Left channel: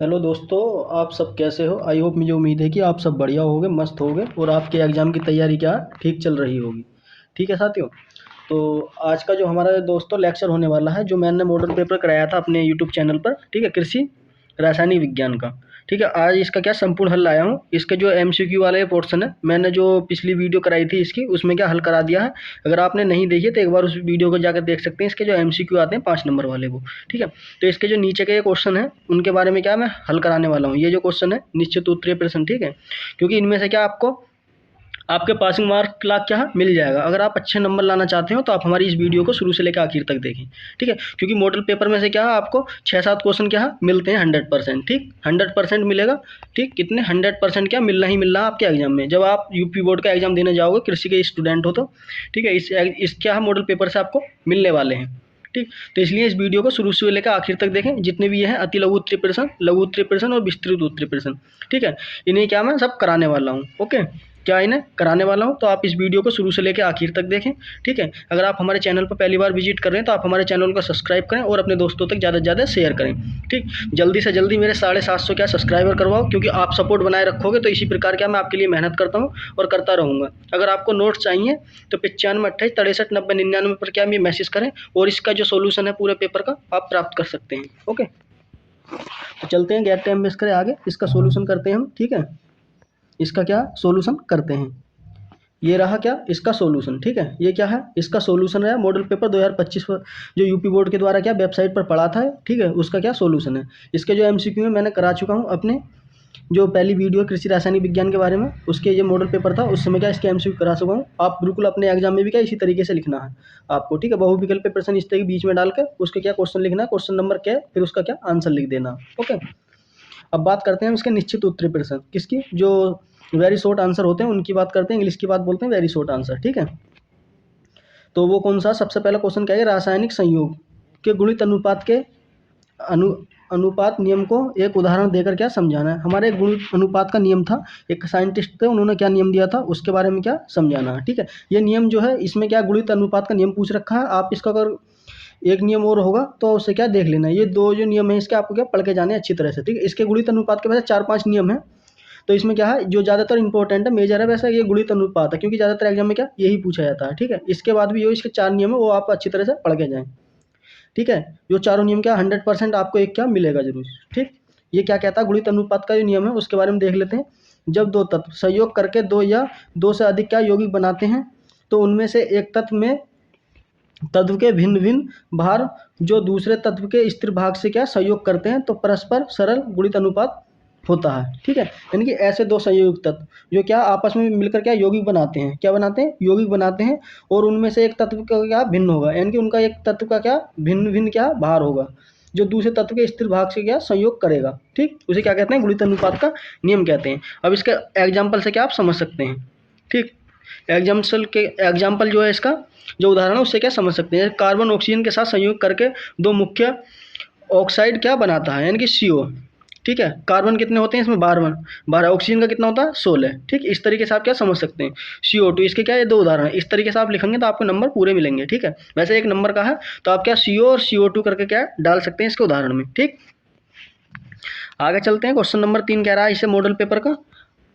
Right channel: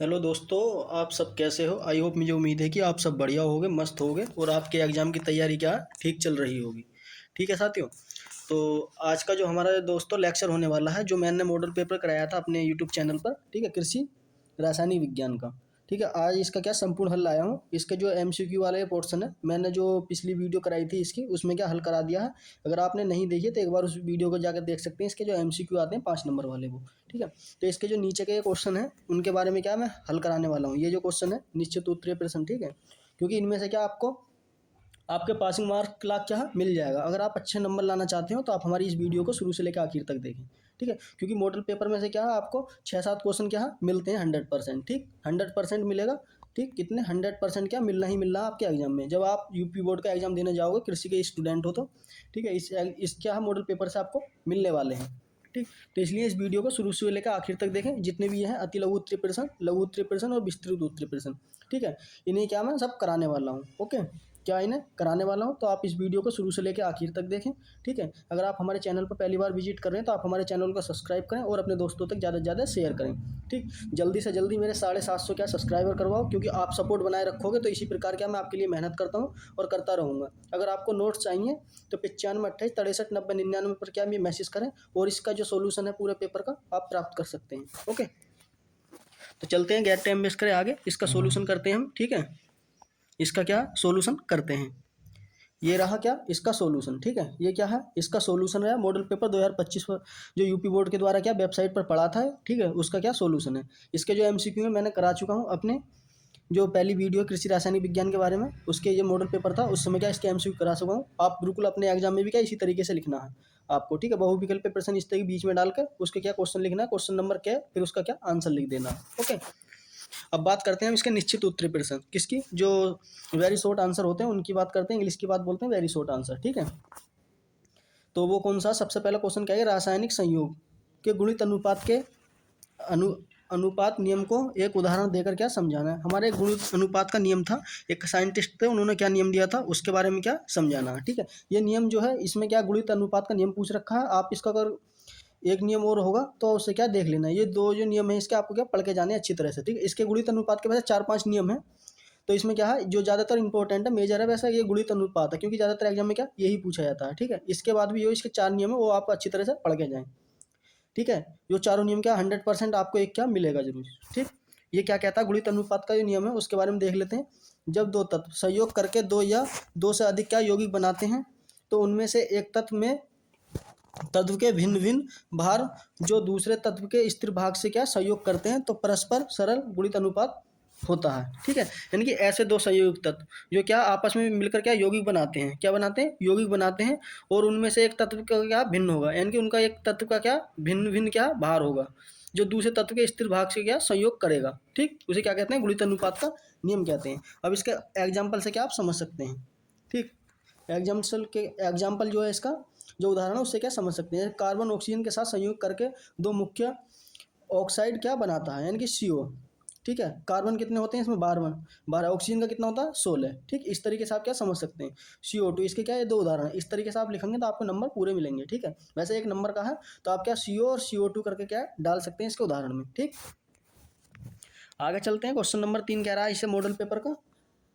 Hello दोस्तों, आप सब कैसे हो? आई होप, मुझे उम्मीद है कि आप सब बढ़िया होगे, मस्त होगे और आपके एग्ज़ाम की तैयारी क्या ठीक चल रही होगी। ठीक है साथियों, तो आज का जो हमारा दोस्तों लेक्चर होने वाला है, जो मैंने मॉडल पेपर कराया था अपने यूट्यूब चैनल पर, ठीक है, कृषि रासायनिक विज्ञान का। ठीक है, आज इसका क्या संपूर्ण हल लाया हूँ। इसके जो एमसीक्यू वाले पोर्शन है, मैंने जो पिछली वीडियो कराई थी इसकी, उसमें क्या हल करा दिया है। अगर आपने नहीं देखी तो एक बार उस वीडियो को जाकर देख सकते हैं। इसके जो एमसीक्यू आते हैं 5 नंबर वाले वो। ठीक है, तो इसके जो नीचे के क्वेश्चन है उनके बारे में क्या मैं हल कराने वाला हूँ। ये जो क्वेश्चन है निश्चित उत्तरीय प्रश्न, ठीक है, क्योंकि इनमें से क्या आपको आपके पासिंग मार्क लाख क्या है मिल जाएगा। अगर आप अच्छे नंबर लाना चाहते हो तो आप हमारी इस वीडियो को शुरू से लेकर आखिर तक देखें। ठीक है, क्योंकि मॉडल पेपर में से क्या है आपको 6-7 क्वेश्चन क्या है मिलते हैं 100%। ठीक, 100% मिलेगा। ठीक, कितने 100% क्या मिलना ही मिलना है आपके एग्जाम में, जब आप यूपी बोर्ड का एग्जाम देने जाओगे, कृषि के स्टूडेंट हो तो। ठीक है, इस क्या है मॉडल पेपर से आपको मिलने वाले हैं। ठीक, तो इसलिए इस वीडियो को शुरू से लेकर आखिर तक देखें। जितने भी ये हैं अति लघु उत्तरीय प्रश्न, लघु उत्तरीय प्रश्न और विस्तृत उत्तरीय प्रश्न, ठीक है, इन्हें क्या मैं सब कराने वाला हूँ। ओके, क्या इन्हें कराने वाला हूँ, तो आप इस वीडियो को शुरू से लेकर आखिर तक देखें। ठीक है, अगर आप हमारे चैनल पर पहली बार विजिट कर रहे हैं तो आप हमारे चैनल को सब्सक्राइब करें और अपने दोस्तों तक ज़्यादा से ज़्यादा शेयर करें। ठीक, जल्दी से जल्दी मेरे 750 क्या सब्सक्राइबर करवाओ, क्योंकि आप सपोर्ट बनाए रखोगे तो इसी प्रकार क्या मैं आपके लिए मेहनत करता हूँ और करता रहूँगा। अगर आपको नोट्स चाहिए तो 95 28 63 90 99 पर क्या मैं मैसेज करें और इसका जो सोल्यूशन है पूरे पेपर का आप प्राप्त कर सकते हैं। ओके, तो चलते हैं, गैर टाइम वेस्ट करें, आगे इसका सोल्यूशन करते हैं हम। ठीक है, इसका क्या सोल्यूशन करते हैं। ये रहा क्या इसका सॉल्यूशन। ठीक है, ये क्या है इसका सॉल्यूशन है मॉडल पेपर 2025 पर, जो यूपी बोर्ड के द्वारा क्या वेबसाइट पर पढ़ा था। ठीक है, उसका क्या सॉल्यूशन है। इसके जो एमसीक्यू है मैंने करा चुका हूँ अपने जो पहली वीडियो कृषि रासायनिक विज्ञान के बारे में, उसके ये मॉडल पेपर था, उस समय क्या इसके एमसीक्यू करा चुका हूँ। आप बिल्कुल अपने एग्जाम में भी क्या इसी तरीके से लिखना है आपको। ठीक है, बहुविकल्पीय प्रश्न इस तरह के बीच में डालकर उसके क्या क्वेश्चन लिखना है, क्वेश्चन नंबर क्या है, फिर उसका क्या आंसर लिख देना। ओके, अब बात करते हैं हम इसके निश्चित उत्तरीय प्रश्न, किसकी जो वेरी शॉर्ट आंसर होते हैं उनकी बात करते हैं। इंग्लिश की बात बोलते हैं वेरी शॉर्ट आंसर। ठीक है, तो वो कौन सा सबसे पहला क्वेश्चन क्या है, रासायनिक संयोग के गुणित अनुपात के अनु अनुपात नियम को एक उदाहरण देकर क्या समझाना है। हमारे गुणित अनुपात का नियम था, एक साइंटिस्ट थे उन्होंने क्या नियम दिया था उसके बारे में क्या समझाना है। ठीक है, ये नियम जो है इसमें क्या गुणित अनुपात का नियम पूछ रखा है। आप इसका अगर एक नियम और होगा तो उससे क्या देख लेना है। ये दो जो नियम है इसके आपको क्या पढ़ के जाने अच्छी तरह से। ठीक है, इसके गुणित अनुपात के वैसे 4-5 नियम है, तो इसमें क्या है जो ज़्यादातर इंपॉर्टेंट है, मेजर है वैसे ये गुणित अनुपात है, क्योंकि ज़्यादातर एग्जाम में क्या यही पूछा जाता है। ठीक है, इसके बाद भी जो इसके 4 नियम है वो आप अच्छी तरह से पढ़ के जाएँ। ठीक है, जो चारों नियम क्या 100% आपको एक क्या मिलेगा जरूर। ठीक, ये क्या कहता है गुणित अनुपात का जो नियम है उसके बारे में देख लेते हैं। जब दो तत्व संयोग करके दो या दो से अधिक क्या यौगिक बनाते हैं, तो उनमें से एक तत्व में तत्व के भिन्न भिन्न भार जो दूसरे तत्व के स्थिर भाग से क्या संयोग करते हैं, तो परस्पर सरल गुणित अनुपात होता है। ठीक है, यानी कि ऐसे दो संयुक्त तत्व जो क्या आपस में मिलकर क्या यौगिक बनाते हैं, क्या बनाते हैं यौगिक बनाते हैं, और उनमें से एक तत्व का क्या भिन्न होगा, यानी कि उनका एक तत्व का क्या भिन्न भिन्न क्या भार होगा जो दूसरे तत्व के स्थिर भाग से क्या संयोग करेगा। ठीक, उसे क्या कहते हैं गुणित अनुपात का नियम कहते हैं। अब इसके एग्जाम्पल से क्या आप समझ सकते हैं। ठीक, एग्जाम्पल जो है इसका जो उदाहरण है उससे क्या समझ सकते हैं। कार्बन ऑक्सीजन के साथ संयोग करके दो मुख्य ऑक्साइड क्या बनाता है, यानी कि CO। ठीक है, कार्बन कितने होते हैं इसमें 12, ऑक्सीजन का कितना होता है 16। ठीक, इस तरीके से आप क्या समझ सकते हैं CO2। इसके क्या ये दो उदाहरण है, इस तरीके से आप लिखेंगे तो आपको नंबर पूरे मिलेंगे। ठीक है, वैसे एक नंबर का है तो आप क्या CO और CO2 करके क्या डाल सकते हैं इसके उदाहरण में। ठीक, आगे चलते हैं। क्वेश्चन नंबर 3 कह रहा है इसे मॉडल पेपर का,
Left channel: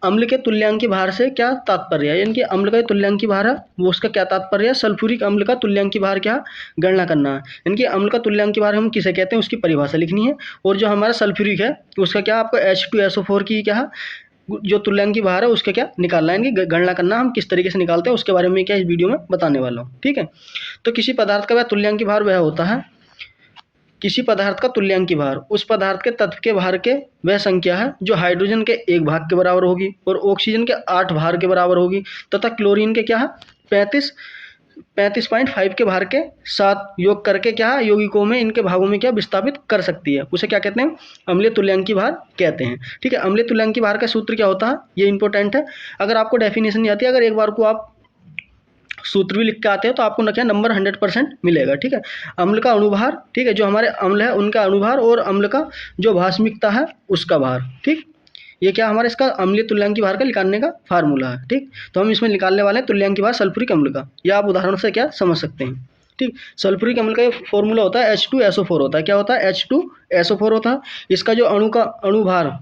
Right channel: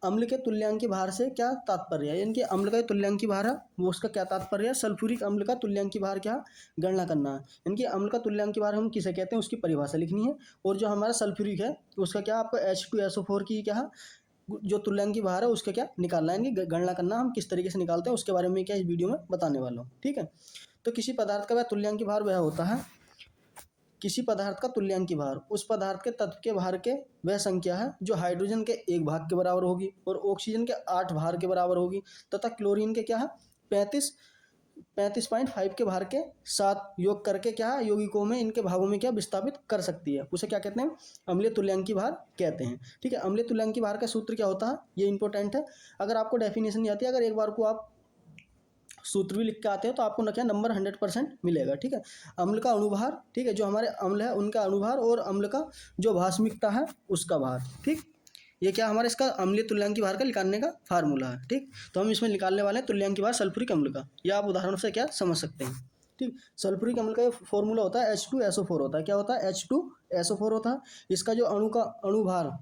अम्ल के तुल्यांकी भार से क्या तात्पर्य है, यानी कि अम्ल का तुल्यांकी भार है वो उसका क्या तात्पर्य है। सल्फ्यूरिक अम्ल का तुल्यांकी भार क्या गणना करना है, यानी कि अम्ल का तुल्यांकी भार हम किसे कहते हैं उसकी परिभाषा लिखनी है। और जो हमारा सल्फ्यूरिक है उसका क्या आपको H2SO4 की क्या जो तुल्यांकी भार है उसका क्या निकालना है, यानी कि गणना करना हम किस तरीके से निकालते हैं उसके बारे में क्या इस वीडियो में बताने वाला हूँ। ठीक है, तो किसी पदार्थ का वह तुल्यांकी भार वह होता है, किसी पदार्थ का तुल्यांकी भार उस पदार्थ के तत्व के भार के वह संख्या है जो हाइड्रोजन के 1 भाग के बराबर होगी और ऑक्सीजन के 8 भार के बराबर होगी, तथा क्लोरीन के क्या है 35.5 के भार के साथ योग करके क्या है यौगिकों में इनके भागों में क्या विस्थापित कर सकती है। उसे क्या कहते हैं अम्लीय तुल्यांकी भार कहते हैं। ठीक है, अम्लीय तुल्यांकी भार का सूत्र क्या होता है ये इंपॉर्टेंट है। अगर आपको डेफिनेशन नहीं आती, अगर एक बार को आप सूत्र भी लिख के आते हैं तो आपको ना क्या नंबर 100% मिलेगा। ठीक है, अम्ल का अणुभार, ठीक है, जो हमारे अम्ल है उनका अणुभार और अम्ल का जो भास्मिकता है उसका भार। ठीक, ये क्या हमारे इसका अम्लीय तुल्यांकी भार का निकालने का फार्मूला है। ठीक, तो हम इसमें निकालने वाले हैं तुल्यांकी भार सल्फ्यूरिक अम्ल का, या आप उदाहरण से क्या समझ सकते हैं। ठीक। ठीक, सल्फ्यूरिक अम्ल का ये फॉर्मूला होता है H2SO4 होता है। क्या होता है? H2SO4 होता है। इसका जो अणुभार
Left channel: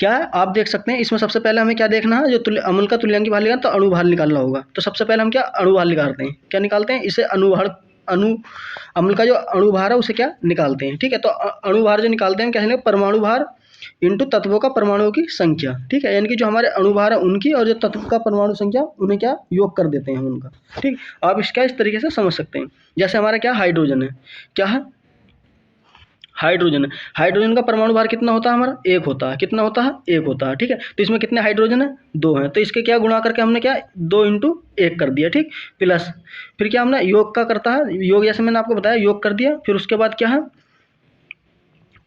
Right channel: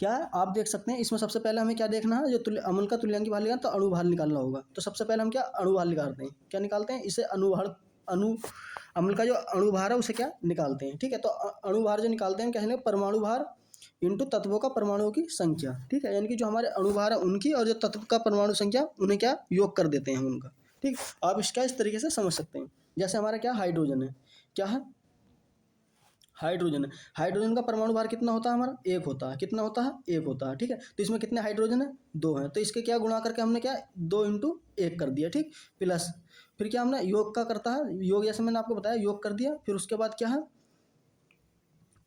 क्या है आप देख सकते हैं। इसमें सबसे पहले हमें क्या देखना है, जो अम्ल का तुल्यांकी भार निकालना तो अणुभार निकालना होगा। तो सबसे पहले हम क्या अणुभार निकालते हैं, क्या निकालते हैं इसे अम्ल का जो अणुभार है उसे क्या निकालते हैं। ठीक है, तो अणुभार जो निकालते हैं कैसे, परमाणु भार इंटू तत्वों का परमाणुओं की संख्या। ठीक है, यानी कि जो हमारे अणुभार है उनकी और जो तत्व का परमाणु संख्या उन्हें क्या योग कर देते हैं उनका। ठीक, आप इसका इस तरीके से समझ सकते हैं। जैसे हमारा क्या हाइड्रोजन है, क्या है हाइड्रोजन है। हाइड्रोजन का परमाणु भार कितना होता है हमारा? 1 होता है। कितना होता है? 1 होता है। ठीक है, तो इसमें कितने हाइड्रोजन है? 2 हैं। तो इसके क्या गुणा करके हमने क्या 2 इंटू 1 कर दिया। ठीक, प्लस फिर क्या हमने योग का करता है, योग जैसे मैंने आपको बताया योग कर दिया। फिर उसके बाद क्या है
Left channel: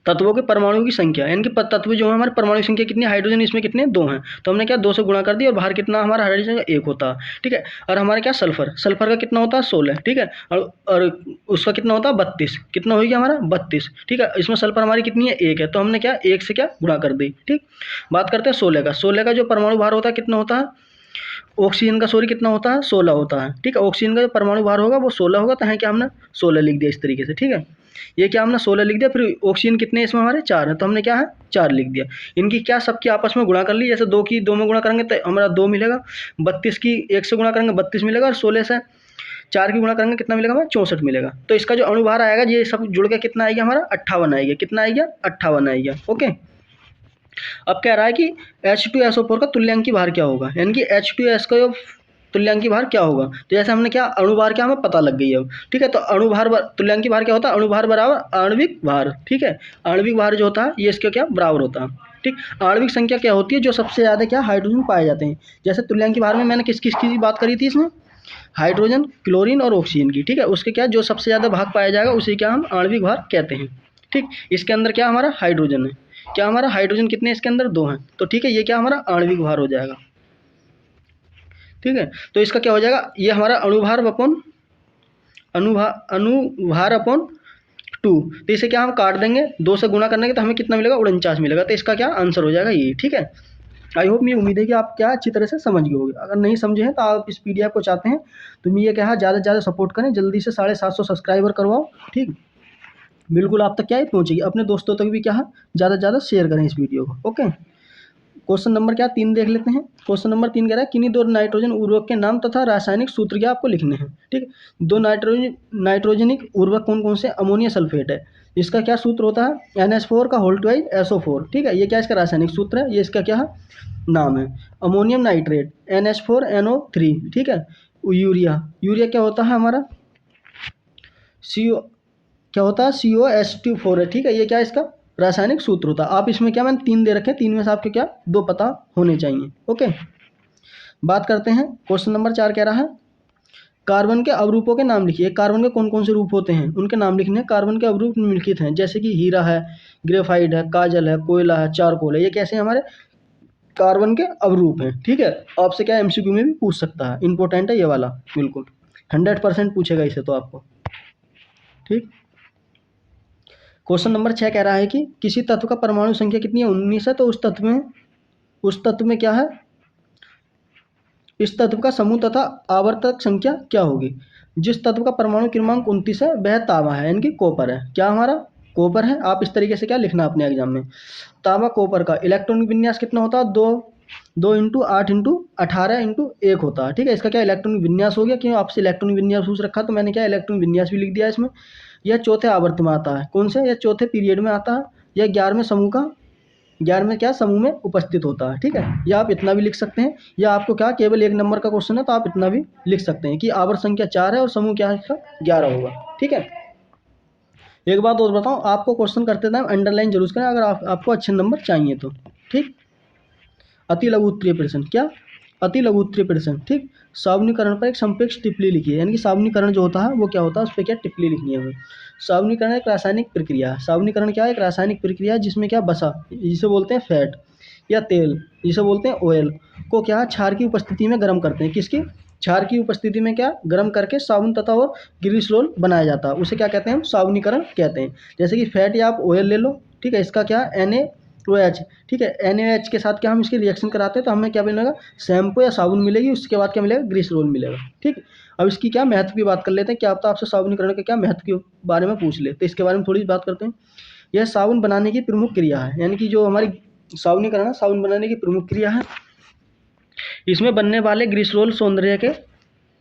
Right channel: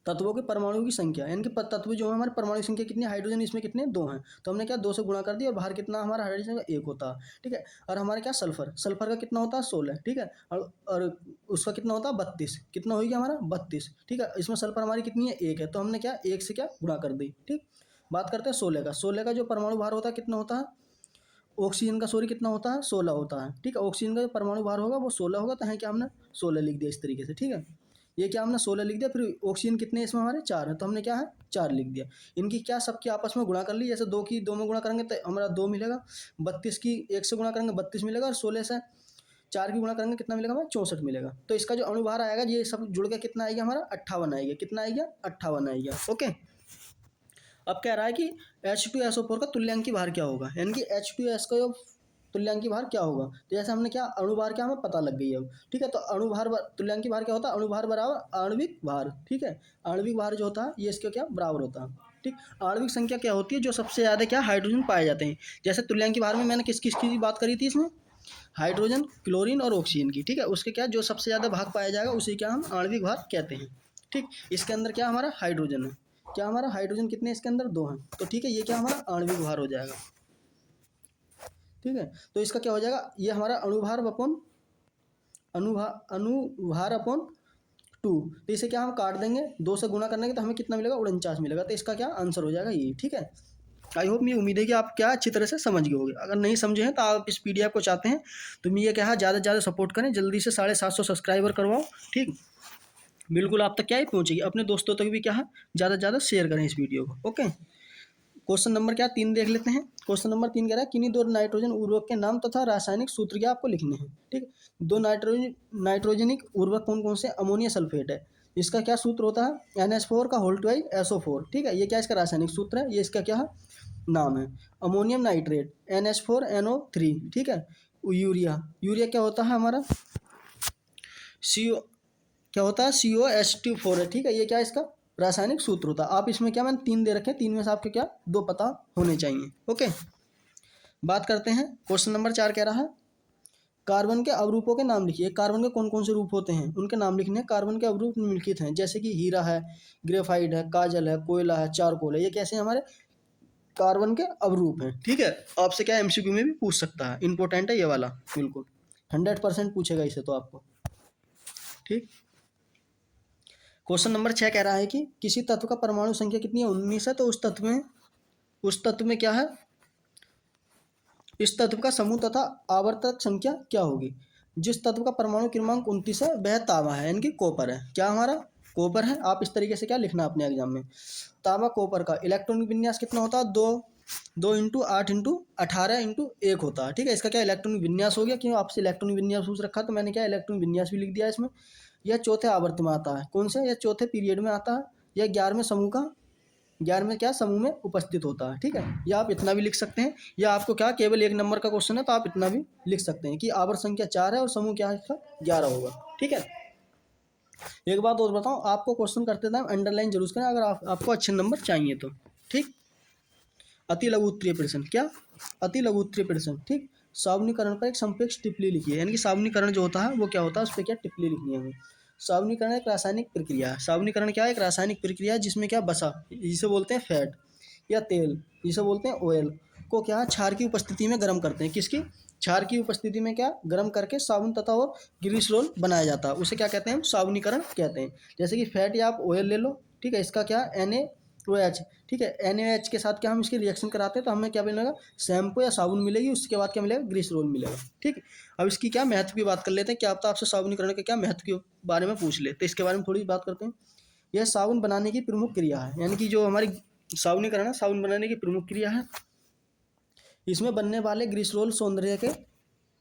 तत्वों के परमाणुओं की संख्या, यानी कि तत्व जो है हमारे परमाणु संख्या कितनी, हाइड्रोजन इसमें कितने 2 हैं। तो हमने क्या 2 से गुणा कर दिया और बाहर कितना हमारा हाइड्रोजन का 1 होता है। ठीक है, और हमारे क्या सल्फर का कितना होता है 16। ठीक है, और उसका कितना होता है 32। कितना हो गया हमारा 32। ठीक है, इसमें सल्फर हमारी कितनी है 1 है। तो हमने क्या 1 से क्या गुणा कर दी। ठीक, बात करते हैं 16 का। 16 का जो परमाणु भार होता है कितना होता है, ऑक्सीजन का कितना होता है 16 होता है। ठीक है, ऑक्सीजन का जो परमाणु भार होगा वो 16 होगा। तो है क्या हमने 16 लिख दिया इस तरीके से। ठीक है, ये क्या हमने 16 लिख दिया। फिर ऑक्सीजन कितने इसमें हमारे 4 है, तो हमने क्या है 4 लिख दिया। इनकी क्या सबकी आपस में गुणा कर ली। जैसे 2 की 2 में गुणा करेंगे तो हमारा 2 मिलेगा, 32 की 1 से गुणा करेंगे 32 मिलेगा, और 16 से 4 की गुणा करेंगे कितना मिलेगा हमें 64 मिलेगा। तो इसका जो अणुभार आएगा ये सब जुड़ के कितना आएगा हमारा 58 आएगा। कितना आएगा 58 आएगा। ओके, अब कह रहा है कि H2SO4 का तुल्यांकी भार क्या होगा, यानी कि H2S का जो तुल्यांकी भार क्या होगा। तो जैसे हमने क्या अणुभार क्या हमें पता लग गई है अब। ठीक है, तो अणुभार तुल्यांकी भार क्या होता है, अणुभार बराबर आणविक भार। ठीक है, आणविक भार जो होता है ये इसके क्या बराबर होता है। ठीक, आणविक संख्या क्या होती है, जो सबसे ज़्यादा क्या हाइड्रोजन पाए जाते हैं। जैसे तुल्यांकी भार में मैंने किस किस की बात करी थी इसमें, हाइड्रोजन, क्लोरीन और ऑक्सीजन की। ठीक है, उसके क्या जो सबसे ज़्यादा भाग पाया जाएगा उसे क्या हम आणविक भार कहते हैं। ठीक, इसके अंदर क्या हमारा हाइड्रोजन है। क्या हमारा हाइड्रोजन कितने इसके अंदर 2 हैं। तो ठीक है, ये क्या हमारा आणविक भार हो जाएगा। ठीक है, तो इसका क्या हो जाएगा, ये हमारा अणुभार अपॉन 2। तो इसे क्या हम काट देंगे 2 से गुणा करने के, तो हमें कितना मिलेगा 49 मिलेगा। तो इसका क्या आंसर हो जाएगा ये। ठीक है, आई होप, मेरी उम्मीद है कि आप क्या अच्छी तरह से समझ गए होंगे। अगर नहीं समझे हैं तो आप इस PDF को चाहते हैं तो मैं ये कहा ज़्यादा से ज़्यादा सपोर्ट करें, जल्दी से 750 सब्सक्राइबर करवाओ। ठीक, बिल्कुल आप तक क्या ही पहुँचेगी, अपने दोस्तों तक भी क्या है ज़्यादा से ज़्यादा शेयर करें इस वीडियो को। ओके, क्वेश्चन नंबर क्या 3 देख लेते हैं। क्वेश्चन नंबर 3 कह रहा है किन्हीं 2 नाइट्रोजन उर्वरक के नाम तथा रासायनिक सूत्र क्या आपको लिखने हैं। ठीक, 2 नाइट्रोजनिक उर्वरक कौन कौन से, अमोनिया सल्फेट है। इसका क्या सूत्र होता है NH4 का होल ट्वाइस SO4। ठीक है, ये क्या इसका रासायनिक सूत्र है, ये इसका क्या है नाम है। Ammonium nitrate NH4NO3। ठीक है, यूरिया क्या होता है हमारा CO, क्या होता है COH2 है। ठीक है, ये क्या इसका रासायनिक सूत्र होता है। आप इसमें क्या मैंने 3 दे रखे हैं, 3 में से आपके क्या 2 पता होने चाहिए। ओके, बात करते हैं क्वेश्चन नंबर 4 कह रहा है कार्बन के अवरूपों के नाम लिखिए। कार्बन के कौन कौन से रूप होते हैं उनके नाम लिखने हैं। कार्बन के अवरूप निम्नलिखित हैं, जैसे कि हीरा है, ग्रेफाइट है, काजल है, कोयला है, चारकोल है। ये कैसे हमारे कार्बन के अवरूप हैं। ठीक है, आपसे क्या MCQ में भी पूछ सकता है, इंपॉर्टेंट है ये वाला, बिल्कुल 100% पूछेगा इसे तो आपको। ठीक, क्वेश्चन नंबर 6 कह रहा है कि किसी तत्व का परमाणु संख्या कितनी है 19 है, तो उस तत्व में क्या है, इस तत्व का समूह तथा आवर्तक संख्या क्या होगी। जिस तत्व का परमाणु क्रमांक 29 है वह तांबा है, यानी कि कॉपर है। क्या हमारा कॉपर है। आप इस तरीके से क्या लिखना अपने एग्जाम में, तांबा कॉपर का इलेक्ट्रॉनिक विन्यास कितना होता है 2 इंटू 8 इंटू 18 इंटू 1 होता है। ठीक है, इसका क्या इलेक्ट्रॉनिक विन्यास हो गया, क्यों आपसे इलेक्ट्रॉनिक विन्यास पूछ रखा तो मैंने क्या इलेक्ट्रॉनिक विन्यास भी लिख दिया इसमें। यह चौथे आवर्त में आता है, कौन से, यह चौथे पीरियड में आता है। यह 11वें क्या समूह में उपस्थित होता है। ठीक है, या आप इतना भी लिख सकते हैं, या आपको क्या केवल 1 नंबर का क्वेश्चन है तो आप इतना भी लिख सकते हैं कि आवर्त संख्या 4 है और समूह क्या है इसका 11 होगा। ठीक है, एक बात और बताऊं, आपको क्वेश्चन करते टाइम अंडरलाइन जरूर करें अगर आपको अच्छे नंबर चाहिए तो। ठीक, अति लघु उत्तरीय प्रश्न, क्या अति लघु उत्तरीय प्रश्न। ठीक, सावनीकरण पर एक संक्षिप्त टिप्पणी लिखिए, यानी कि सावनीकरण जो होता है वो क्या होता है उस पर क्या टिप्पणी लिखनी है हमें। सावनीकरण एक रासायनिक प्रक्रिया है। सावनीकरण क्या है, एक रासायनिक प्रक्रिया है जिसमें क्या बसा, जिसे बोलते हैं फैट, या तेल जिसे बोलते हैं ऑयल, को क्या क्षार की उपस्थिति में गर्म करते हैं। किसकी, क्षार की उपस्थिति में क्या गर्म करके साबुन तथा और ग्रीस रोल बनाया जाता है, उसे क्या कहते हैं हम सावनीकरण कहते हैं। जैसे कि फैट या आप ऑयल ले लो। ठीक है, इसका क्या ओ एच, ठीक है। NaOH के साथ क्या हम इसकी रिएक्शन कराते हैं तो हमें क्या मिलेगा, शैम्पू या साबुन मिलेगी, उसके बाद क्या मिलेगा, ग्लिसरॉल मिलेगा, ठीक है। अब इसकी क्या महत्व की बात कर लेते हैं, क्या पता आपसे साबुनीकरण के क्या महत्व के बारे में पूछ ले, तो इसके बारे में थोड़ी बात करते हैं। यह साबुन बनाने की प्रमुख क्रिया है, यानी कि जो हमारी साबुनीकरण है, साबुन बनाने की प्रमुख क्रिया है। इसमें बनने वाले ग्लिसरॉल सौंदर्य के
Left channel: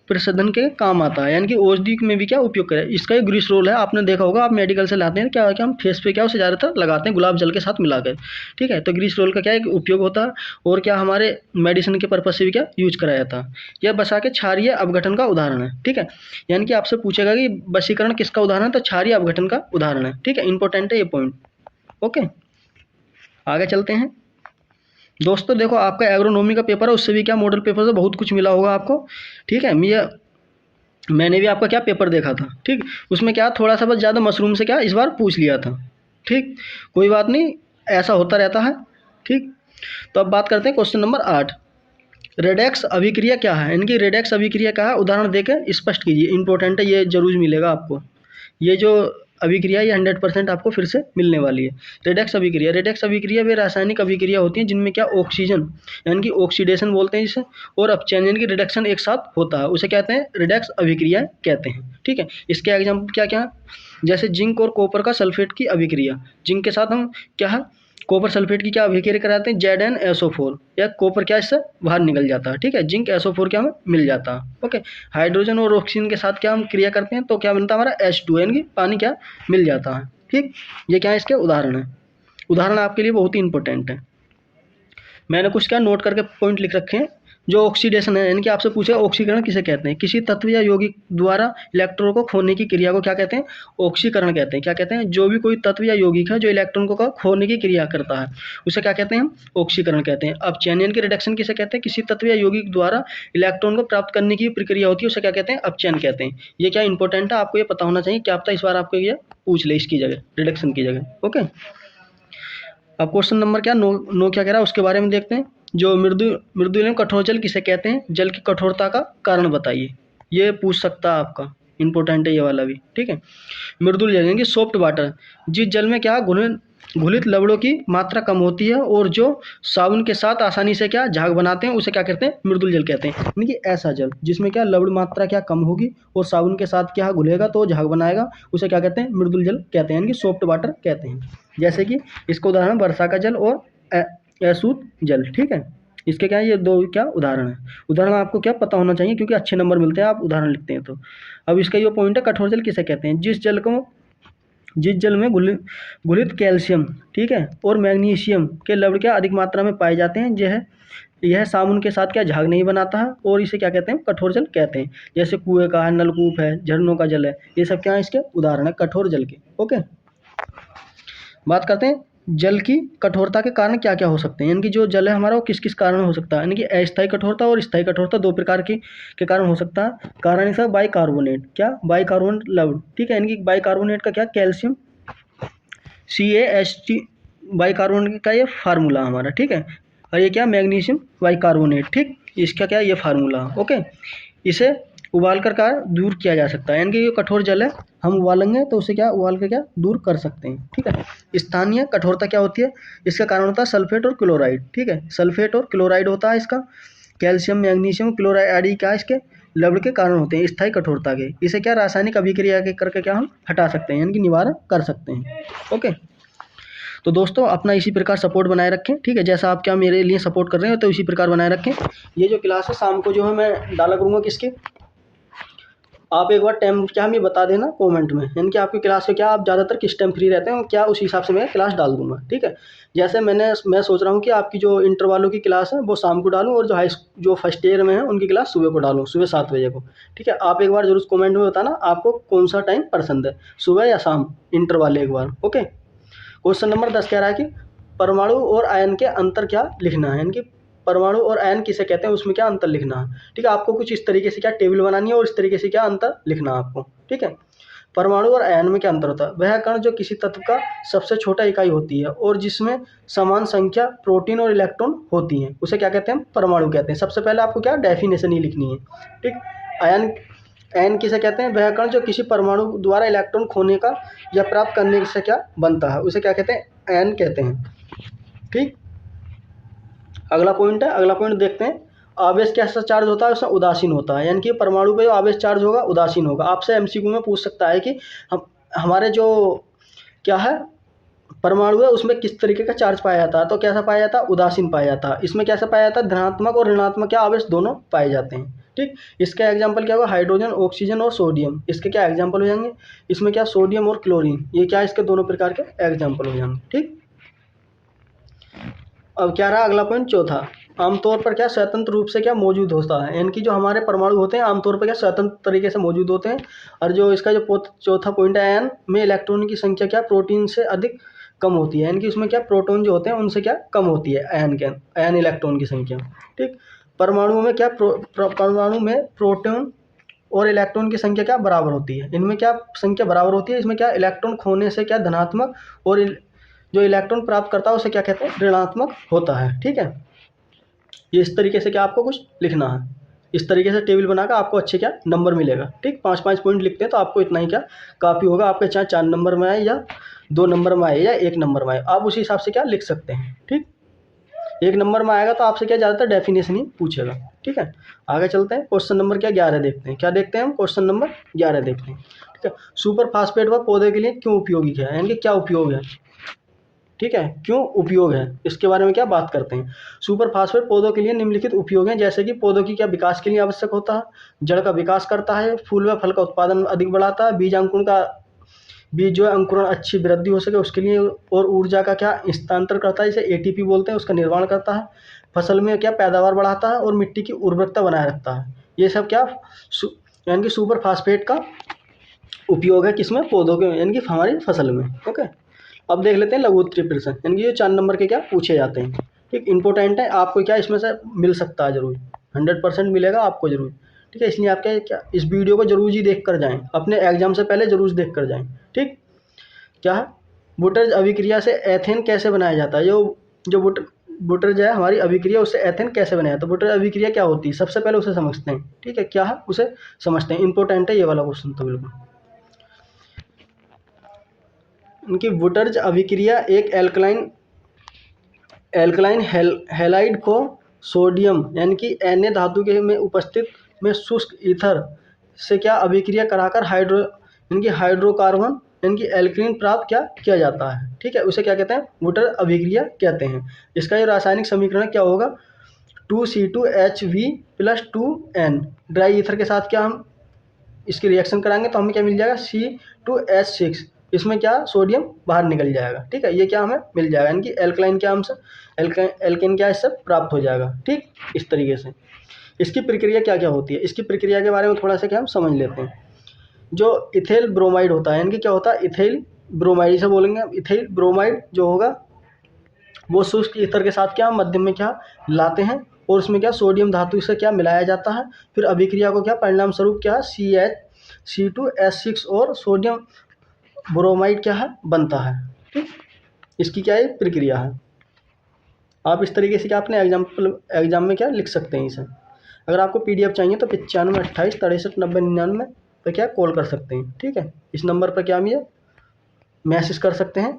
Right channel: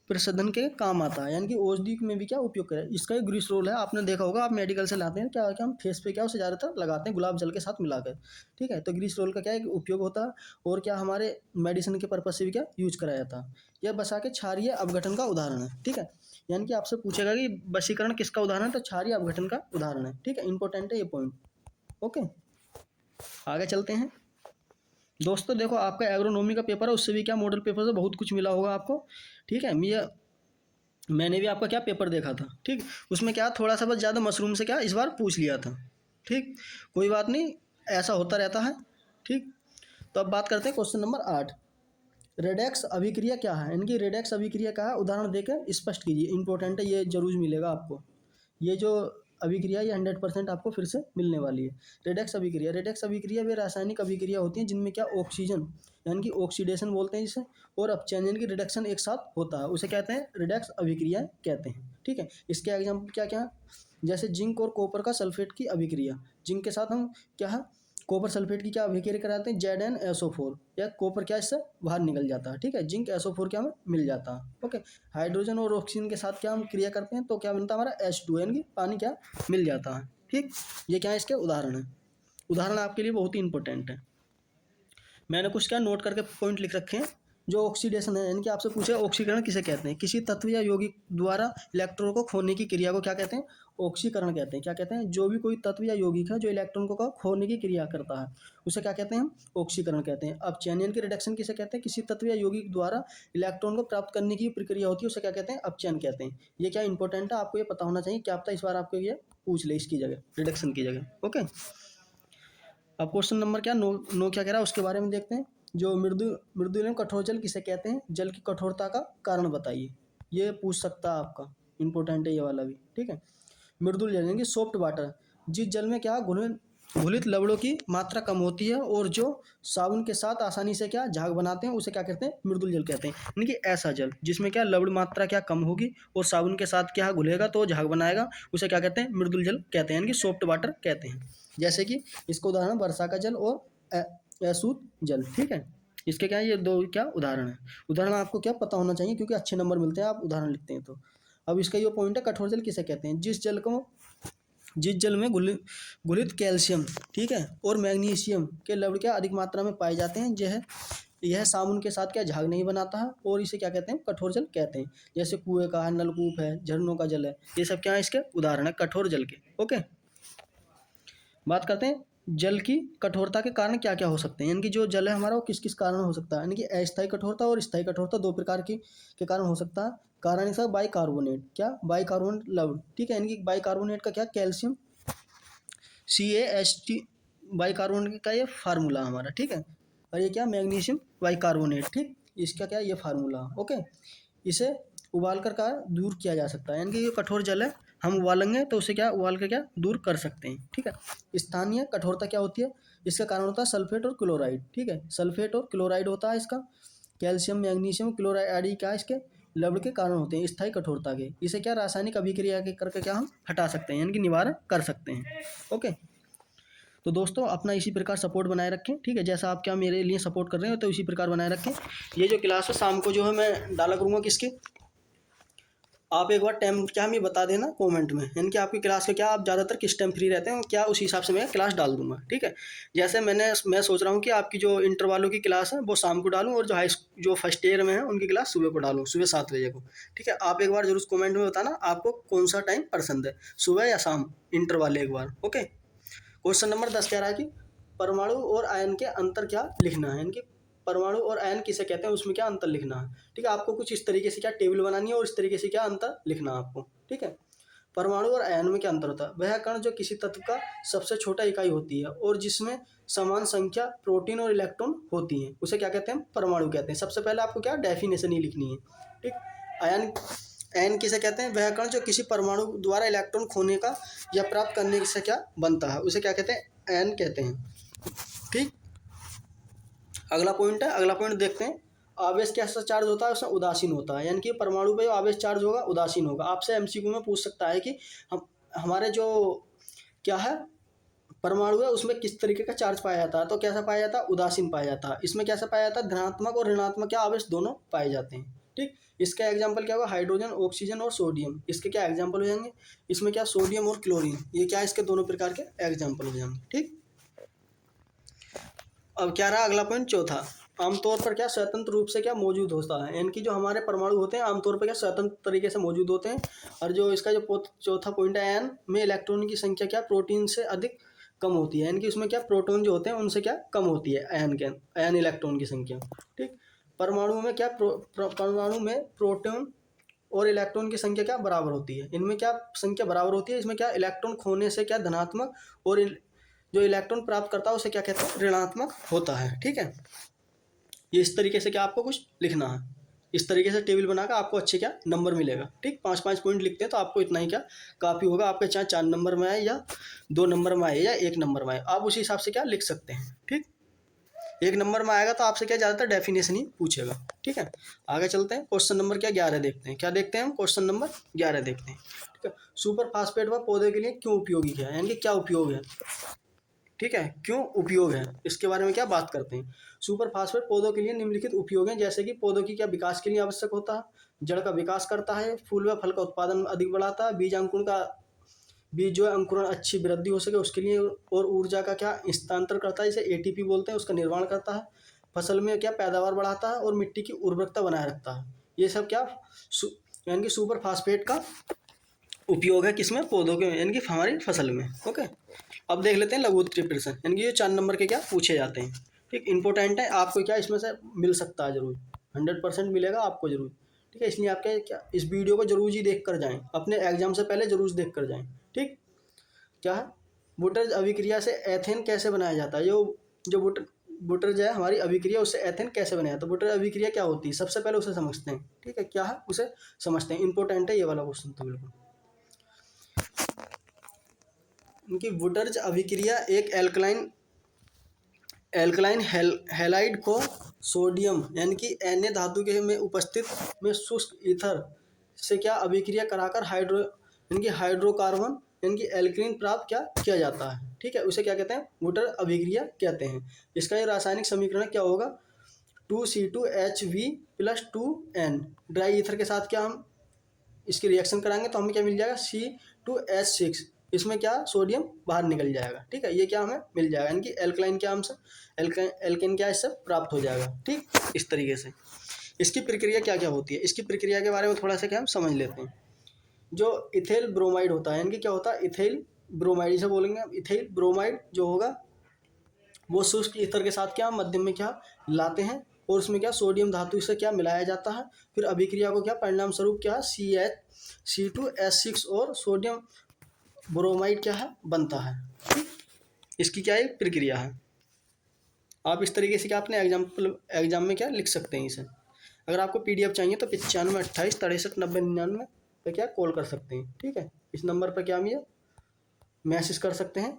प्रसाधन के काम आता है, यानी कि औषधि में भी क्या उपयोग करें। इसका एक ग्लिसरॉल है, आपने देखा होगा, आप मेडिकल से लाते हैं, क्या हम फेस पे क्या उसे ज़्यादातर लगाते हैं गुलाब जल के साथ मिलाकर, ठीक है। तो ग्लिसरॉल का क्या एक उपयोग होता है, और क्या हमारे मेडिसिन के पर्पज से भी क्या यूज कराया जाता है। यह वसा के क्षारीय अपघटन का उदाहरण है, ठीक है। यानी कि आपसे पूछेगा कि वशीकरण किसका उदाहरण है, तो क्षारीय अपघटन का उदाहरण है, ठीक है। इंपॉर्टेंट है ये पॉइंट, ओके। आगे चलते हैं दोस्तों। देखो आपका एग्रोनॉमी का पेपर है, उससे भी क्या मॉडल पेपर से बहुत कुछ मिला होगा आपको, ठीक है। मैंने भी आपका क्या पेपर देखा था, ठीक। उसमें क्या थोड़ा सा बस ज़्यादा मशरूम से क्या इस बार पूछ लिया था, ठीक। कोई बात नहीं, ऐसा होता रहता है, ठीक। तो अब बात करते हैं क्वेश्चन नंबर 8। रेडेक्स अभिक्रिया क्या है, यानी कि रेडेक्स अभिक्रिया क्या है, उदाहरण देकर स्पष्ट कीजिए। इंपॉर्टेंट है, ये जरूर मिलेगा आपको। ये जो अभिक्रिया ये 100% आपको फिर से मिलने वाली है। रेडेक्स अभिक्रिया वे रासायनिक अभिक्रिया होती हैं जिनमें क्या ऑक्सीजन, यानी कि ऑक्सीडेशन बोलते हैं जिसे, और अपचयन यानी कि रिडक्शन एक साथ होता है, उसे कहते हैं रेडेक्स अभिक्रिया कहते हैं, ठीक है। इसके एग्जाम्पल क्या क्या है, जैसे जिंक और कॉपर का सल्फेट की अभिक्रिया। जिंक के साथ हम क्या है, कॉपर सल्फेट की क्या अभिक्रिया कराते हैं, ZnSO4, या कॉपर क्या इससे बाहर निकल जाता है, ठीक है। जिंक SO4 क्या हमें मिल जाता है, ओके। हाइड्रोजन और ऑक्सीजन के साथ क्या हम क्रिया करते हैं तो क्या बनता है हमारा H2, यानी कि पानी क्या मिल जाता है, ठीक। ये क्या है, इसके उदाहरण है। उदाहरण आपके लिए बहुत ही इंपॉर्टेंट है। मैंने कुछ क्या नोट करके पॉइंट लिख रखे हैं। जो ऑक्सीडेशन है, यानी कि आपसे पूछे ऑक्सीकरण किसे कहते हैं, किसी तत्व या यौगिक द्वारा इलेक्ट्रॉन को खोने की क्रिया को क्या कहते हैं, ऑक्सीकरण कहते हैं। क्या कहते हैं, जो भी कोई तत्व या यौगिक है जो इलेक्ट्रॉन को खोने की क्रिया करता है उसे क्या कहते हैं, हम ऑक्सीकरण कहते हैं। अब चयन यानी कि रिडक्शन किसे कहते हैं, किसी तत्व या यौगिक द्वारा इलेक्ट्रॉन को प्राप्त करने की प्रक्रिया होती है उसे क्या कहते हैं, अपचयन कहते हैं। ये क्या इंपॉर्टेंट है, आपको ये पता होना चाहिए, क्या पता इस बार आपको ये पूछ ले इसकी जगह, रिडक्शन की जगह, ओके। अब क्वेश्चन नंबर क्या नो क्या कह रहा है उसके बारे में देखते हैं। जो मृदुल एवं कठोर जल किसे कहते हैं, जल की कठोरता का कारण बताइए। ये पूछ सकता है आपका, इंपॉर्टेंट है ये वाला भी, ठीक है। मृदुल जल यानी कि सॉफ्ट वाटर, जिस जल में क्या घुलित लवणों की मात्रा कम होती है और जो साबुन के साथ आसानी से क्या झाग बनाते हैं उसे क्या कहते हैं, मृदुल जल कहते हैं। यानी कि ऐसा जल जिसमें क्या लवण मात्रा क्या कम होगी और साबुन के साथ क्या घुलेगा तो झाग बनाएगा, उसे क्या कहते हैं, मृदुल जल कहते हैं, यानी कि सॉफ्ट वाटर कहते हैं। जैसे कि इसका उदाहरण वर्षा का जल और अशुद्ध जल, ठीक है। इसके क्या है, ये दो क्या उदाहरण है। उदाहरण आपको क्या पता होना चाहिए क्योंकि अच्छे नंबर मिलते हैं आप उदाहरण लिखते हैं तो। अब इसका ये पॉइंट है, कठोर जल किसे कहते हैं, जिस जल में घुलित कैल्शियम, ठीक है, और मैग्नीशियम के लवण क्या अधिक मात्रा में पाए जाते हैं। यह साबुन के साथ क्या झाग नहीं बनाता है और इसे क्या कहते हैं, कठोर जल कहते हैं। जैसे कुएं का है, नलकूप है, झरनों का जल है, ये सब क्या है इसके उदाहरण है कठोर जल के, ओके। बात करते हैं जल की कठोरता के कारण क्या क्या हो सकते हैं, यानी कि जो जल है हमारा वो किस किस कारण हो सकता है, यानी कि अस्थायी कठोरता और स्थायी कठोरता दो प्रकार की के कारण हो सकता है। कारण इसका बाइकार्बोनेट, क्या बाइकार्बोनेट लवण, ठीक है। यानी कि बाइकार्बोनेट का क्या कैल्शियम CaHT बाइकार्बोनेट का ये फार्मूला हमारा, ठीक है। और ये क्या मैग्नीशियम बाइकार्बोनेट, ठीक, इसका क्या ये फार्मूला, ओके। इसे उबाल कर का दूर किया जा सकता है, यानी कि ये कठोर जल है, हम उबालेंगे तो उसे क्या उबाल के क्या दूर कर सकते हैं, ठीक है। स्थानीय कठोरता क्या होती है, इसका कारण होता है सल्फेट और क्लोराइड, ठीक है। सल्फेट और क्लोराइड होता है इसका, कैल्शियम मैग्नीशियम क्लोराइड आदि क्या इसके लवण के कारण होते हैं स्थायी कठोरता के। इसे क्या रासायनिक अभिक्रिया के करके क्या हम हटा सकते हैं, यानी कि निवारण कर सकते हैं, ओके। तो दोस्तों अपना इसी प्रकार सपोर्ट बनाए रखें, ठीक है। जैसा आप क्या मेरे लिए सपोर्ट कर रहे हो तो इसी प्रकार बनाए रखें। ये जो क्लास है शाम को जो है मैं डाला करूँगा किसके, आप एक बार टाइम क्या हमें बता देना कमेंट में, यानी कि आपकी क्लास के क्या आप ज़्यादातर किस टाइम फ्री रहते हैं, क्या उस हिसाब से मैं क्लास डाल दूंगा, ठीक है। जैसे मैं सोच रहा हूँ कि आपकी जो इंटर वालों की क्लास है वो शाम को डालूँ और जो फर्स्ट ईयर में है उनकी क्लास सुबह को डालूँ, सुबह 7 बजे को, ठीक है। आप एक बार जरूर कमेंट में बताना आपको कौन सा टाइम पसंद है, सुबह या शाम, इंटर वाले एक बार, ओके। क्वेश्चन नंबर 10 कह रहा है कि परमाणु और आयन के अंतर क्या लिखना है, यानी कि परमाणु और आयन किसे कहते हैं उसमें क्या अंतर लिखना है, ठीक है। आपको कुछ इस तरीके से क्या टेबल बनानी है और इस तरीके से क्या अंतर लिखना है आपको, ठीक है। परमाणु और आयन में क्या अंतर होता है, वह कण जो किसी तत्व का सबसे छोटा इकाई होती है और जिसमें समान संख्या प्रोटीन और इलेक्ट्रॉन होती हैं उसे क्या कहते हैं, परमाणु कहते हैं। सबसे पहले आपको क्या डेफिनेशन ही लिखनी है, ठीक। आयन किसे कहते हैं, वह कण जो किसी परमाणु द्वारा इलेक्ट्रॉन खोने का या प्राप्त करने से क्या बनता है उसे क्या कहते हैं, एन कहते हैं। ठीक, अगला पॉइंट है, अगला पॉइंट देखते हैं। आवेश कैसा चार्ज होता है, उसमें उदासीन होता है, यानी कि परमाणु पे जो आवेश चार्ज होगा उदासीन होगा। आपसे एमसीक्यू में पूछ सकता है कि हम हमारे जो क्या है परमाणु है उसमें किस तरीके का चार्ज पाया जाता है, तो कैसा पाया जाता है, उदासीन पाया जाता है। इसमें कैसा पाया जाता है, धनात्मक और ऋणात्मक क्या आवेश दोनों पाए जाते हैं। ठीक, इसका एग्जाम्पल क्या होगा, हाइड्रोजन, ऑक्सीजन और सोडियम, इसके क्या एग्जाम्पल हो जाएंगे। इसमें क्या सोडियम और क्लोरीन, ये क्या इसके दोनों प्रकार के एग्जाम्पल हो जाएंगे। ठीक, अब क्या रहा अगला पॉइंट चौथा, आमतौर पर क्या स्वतंत्र रूप से क्या मौजूद होता है, यानी कि जो हमारे परमाणु होते हैं आमतौर पर क्या स्वतंत्र तरीके से मौजूद होते हैं। और जो इसका जो चौथा पॉइंट है, एन में इलेक्ट्रॉन की संख्या क्या प्रोटीन से अधिक कम होती है, यानी कि उसमें क्या प्रोटॉन जो होते हैं उनसे क्या कम होती है एन इलेक्ट्रॉन की संख्या। ठीक, परमाणुओं में क्या परमाणु में प्रोटॉन और इलेक्ट्रॉन की संख्या क्या बराबर होती है, इनमें क्या संख्या बराबर होती है। इसमें क्या इलेक्ट्रॉन खोने से क्या धनात्मक और जो इलेक्ट्रॉन प्राप्त करता है उसे क्या कहते हैं, ऋणात्मक होता है। ठीक है, ये इस तरीके से क्या आपको कुछ लिखना है, इस तरीके से टेबल बनाकर आपको अच्छे क्या नंबर मिलेगा। ठीक, 5-5 पॉइंट लिखते हैं तो आपको इतना ही क्या काफ़ी होगा, आपके चाहे 4 नंबर में आए या 2 नंबर में आए या 1 नंबर में आए, आप उसी हिसाब से क्या लिख सकते हैं। ठीक, 1 नंबर में आएगा तो आपसे क्या ज़्यादातर डेफिनेशन ही पूछेगा। ठीक है, आगे चलते हैं, क्वेश्चन नंबर क्या 11 देखते हैं। क्या देखते हैं हम, क्वेश्चन नंबर 11 देखते हैं। ठीक है, सुपर फास्फेट व पौधे के लिए क्यों उपयोगी है, यानी कि क्या उपयोग है। ठीक है, क्यों उपयोग है इसके बारे में क्या बात करते हैं। सुपर फास्फेट पौधों के लिए निम्नलिखित उपयोग हैं, जैसे कि पौधों की क्या विकास के लिए आवश्यक होता है, जड़ का विकास करता है, फूल व फल का उत्पादन अधिक बढ़ाता है, बीज जो है अंकुरण अच्छी वृद्धि हो सके उसके लिए, और ऊर्जा का क्या स्थानांतरण करता है, इसे एटीपी बोलते हैं, उसका निर्माण करता है, फसल में क्या पैदावार बढ़ाता है और मिट्टी की उर्वरकता बनाए रखता है। ये सब क्या यानी कि सुपर फास्फेट का उपयोग है किसमें, पौधों के, यानी कि हमारी फसल में। ओके, अब देख लेते हैं लघु उत्तरीय प्रश्न, यानी कि ये 4 नंबर के क्या पूछे जाते हैं। ठीक, इंपॉर्टेंट है, आपको क्या इसमें से मिल सकता है जरूर, 100% मिलेगा आपको जरूर। ठीक है, इसलिए आप क्या इस वीडियो को जरूर ही देख कर जाएँ, अपने एग्जाम से पहले जरूर देख कर जाएँ। ठीक, क्या है बुटर्ज अभिक्रिया से एथेन कैसे बनाया जाता है, जो बुटर्ज है हमारी अभिक्रिया उससे एथेन कैसे बनाया जाता है, बुटर्ज अभिक्रिया क्या होती है सबसे पहले उसे समझते हैं। ठीक है, क्या है उसे समझते हैं, इंपॉर्टेंट है ये वाला क्वेश्चन तो बिल्कुल। इनकी बुटर्ज अभिक्रिया एक एल्कलाइन हैलाइड को सोडियम यानी कि Na धातु के में उपस्थित में शुष्क ईथर से क्या अभिक्रिया कराकर हाइड्रोकार्बन यानी कि एल्कीन प्राप्त क्या किया जाता है। ठीक है, उसे क्या कहते हैं, बुटर अभिक्रिया कहते हैं। इसका ये रासायनिक समीकरण क्या होगा, 2C2Hv + 2N, ड्राई ईथर के साथ क्या हम इसकी रिएक्शन कराएंगे तो हमें क्या मिल जाएगा, C2H6, इसमें क्या सोडियम बाहर निकल जाएगा। ठीक है, ये क्या हमें मिल जाएगा, यानी कि एल्कलाइन क्या हमसे एल्केन क्या इससे प्राप्त हो जाएगा। ठीक, इस तरीके से इसकी प्रक्रिया क्या क्या होती है, इसकी प्रक्रिया के बारे में थोड़ा सा क्या हम समझ लेते हैं। जो इथेल ब्रोमाइड होता है, यानी कि क्या होता है, इथेल ब्रोमाइड इसे बोलेंगे। इथेल ब्रोमाइड जो होगा वो शुष्क ईथर के साथ क्या मध्यम में क्या लाते हैं और उसमें क्या सोडियम धातु से क्या मिलाया जाता है। फिर अभिक्रिया को क्या परिणाम स्वरूप क्या C2H6 और सोडियम ब्रोमाइड क्या है बनता है। ठीक, इसकी क्या है प्रक्रिया है। आप इस तरीके से क्या अपने एग्जाम में क्या लिख सकते हैं इसे। अगर आपको PDF चाहिए तो 95 28 63 90 99 पर क्या कॉल कर सकते हैं। ठीक है, इस नंबर पर क्या हम ये मैसेज कर सकते हैं,